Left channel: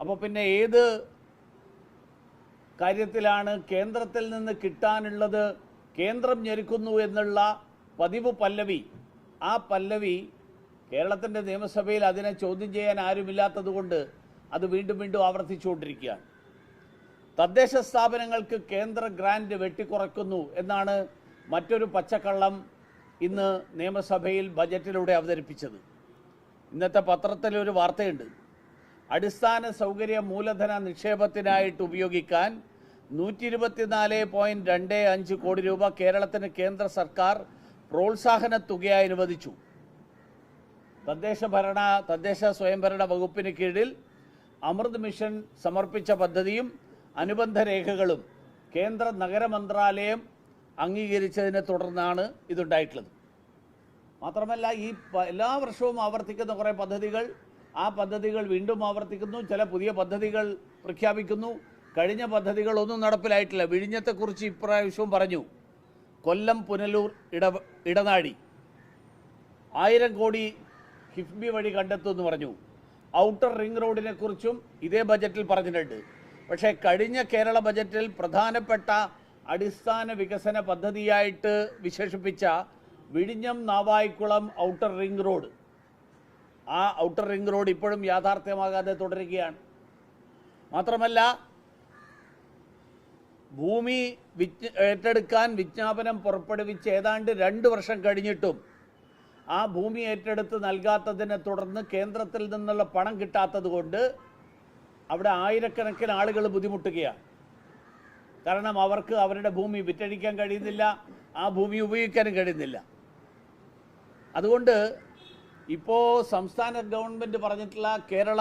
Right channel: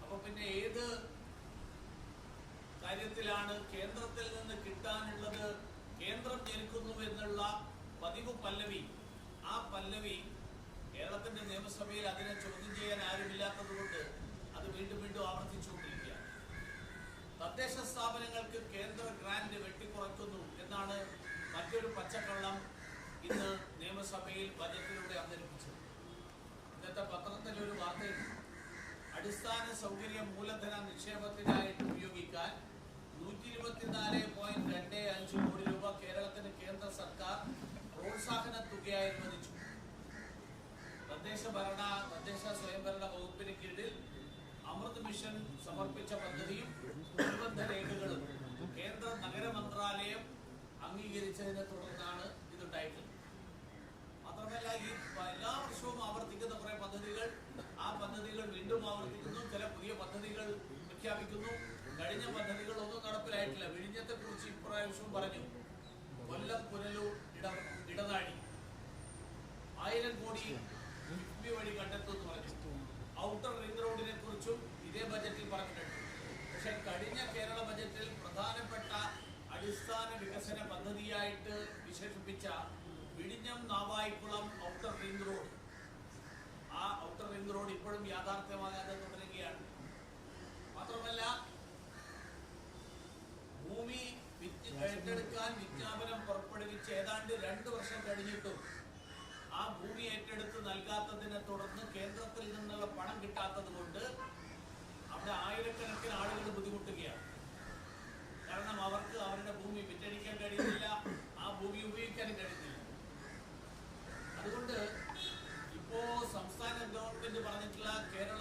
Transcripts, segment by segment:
അപ്പോൾ പിന്നെ ഏത് കാര്യത്തിലാണ് കേന്ദ്രത്തിൽ നിന്ന് കിട്ടാനുള്ളത് കേന്ദ്രം ഞെരുക്കുന്നു എന്നുള്ള പതിവ് പല്ലവി, ആ പല്ലവി കേരളത്തിൻ്റെ നിയമസഭയിൽ അതിനെ ചോദ്യം ചെയ്യാൻ ആരുമില്ലാത്തതുകൊണ്ട് അത് വീണ്ടും വീണ്ടും ആവർത്തിച്ചുകൊണ്ടിരിക്കുകയാണ്. തദ്ദേശ സ്ഥാപനങ്ങൾക്ക് കേന്ദ്ര ഗ്രാൻഡ് വെട്ടിക്കുറയ്ക്കുന്നു എന്നാണ് മറ്റൊരു പച്ചക്കള്ളം ഇന്ന് നിയമസഭയിൽ ബജറ്റിലൂടെ അവതരിപ്പിച്ചത്. ഇന്നത്തെ പത്രത്തിലൊരു വാർത്തയുണ്ട്. അടിസ്ഥാന സൗകര്യ മൂലധന നിക്ഷേപത്തിനായിട്ട് ഉപയോഗിക്കാൻ 124.25 കോടി രൂപ കേരളത്തിന് കേന്ദ്ര സർക്കാർ പ്രോത്സാഹന തുകയായി അനുവദിച്ചു. തദ്ദേശ സ്വയംഭരണ വകുപ്പിന് കീഴിൽ അമൃത് മിഷൻ സമർപ്പിച്ച പദ്ധതിയും അനുബന്ധ രേഖകളും കേന്ദ്ര നഗരമന്ത്രാലയം അംഗീകരിച്ചതിനെ തുടർന്നാണ് ഇതുണ്ടായിട്ടുള്ളത്. മാത്രമല്ല, ഈ എല്ലാ വർഷവും ആവർത്തിക്കുന്ന കുറേ പദ്ധതികൾ, ആ പദ്ധതികൾ വീണ്ടും ആവർത്തിക്കുന്നു. ചില പുതിയ പദ്ധതികൾ പ്രഖ്യാപിക്കുന്നു. കഴിഞ്ഞ പദ്ധതികളൊന്നും നടപ്പിലായിട്ടില്ല. വിഴിഞ്ഞത്തെക്കുറിച്ച് ഇപ്രാവശ്യവും പറഞ്ഞു. കൊല്ലം പുനലൂർ ഇടനാഴി 1000 കോടി കിഫ്ബി വഴി കണ്ടെത്തുമെന്ന് പറഞ്ഞു. ഔട്ടർ റിംഗ് റോഡിനെ കുറിച്ചും ഇതേ ബജറ്റിൽ പറഞ്ഞിട്ടുണ്ട്. പക്ഷേ കഴിഞ്ഞ കേരള ബജറ്റിൽ പ്രധാനപ്പെട്ട അടിസ്ഥാന വികസന പദ്ധതിയായിട്ട് വിശേഷിപ്പിച്ച വിഴിഞ്ഞം നാവായിക്കുളം ഔട്ടർ റിംഗ് റോഡ്, ആ ഔട്ടർ റിംഗ് റോഡ് ഇപ്പോഴും യാഥാർത്ഥ്യമാകാതെ തുടരുകയാണ്. മാത്രമല്ല, ഭൂമി ഏറ്റെടുക്കാൻ വിജ്ഞാപനം പുറപ്പെടുവിച്ച് ഏതാണ്ട് 2 വർഷം കഴിഞ്ഞിട്ടും ആ ഭൂമി ഏറ്റെടുത്ത് നൽകാത്തതിനെ തുടർന്ന് കേന്ദ്രത്തിൽ നിന്നുള്ള പണം കിട്ടാത്തത് കൊണ്ട് അവിടെ ആയിരക്കണക്കിന് ആളുകൾ ബുദ്ധിമുട്ടുകയാണ്. കാരണം അവർക്ക് അവരുടെ ഭൂമി വിറ്റഴിക്കാൻ കഴിയുന്നില്ല, ആ ഭൂമി ഉപയോഗിക്കാനും കഴിയുന്നില്ല. അതുകൊണ്ട് ഇപ്പോൾ സംസ്ഥാന ഗവൺമെൻറ് പറഞ്ഞിട്ടുള്ള Kerala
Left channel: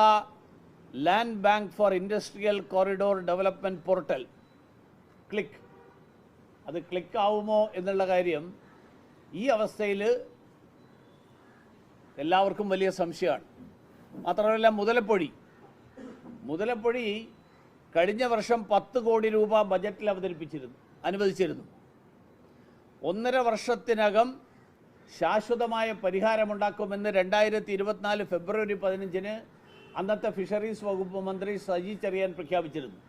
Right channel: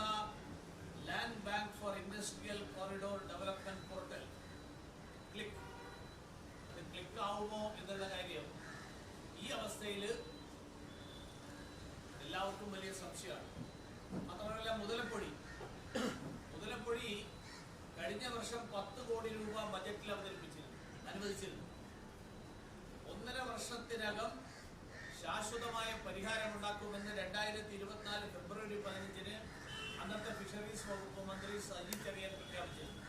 land bank for industrial corridor development portal അത് ക്ലിക്കാവുമോ എന്നുള്ള കാര്യം ഈ അവസ്ഥയിൽ എല്ലാവർക്കും വലിയ സംശയമാണ്. മാത്രമല്ല, മുതലപ്പൊഴി കഴിഞ്ഞ വർഷം 10 കോടി രൂപ ബജറ്റിൽ അനുവദിച്ചിരുന്നു. 1.5 വർഷത്തിനകം ശാശ്വതമായ പരിഹാരമുണ്ടാക്കുമെന്ന് 2024 ഫെബ്രുവരി 15-ന് അന്നത്തെ ഫിഷറീസ് വകുപ്പ് മന്ത്രി സജി ചെറിയാൻ പ്രഖ്യാപിച്ചിരുന്നു.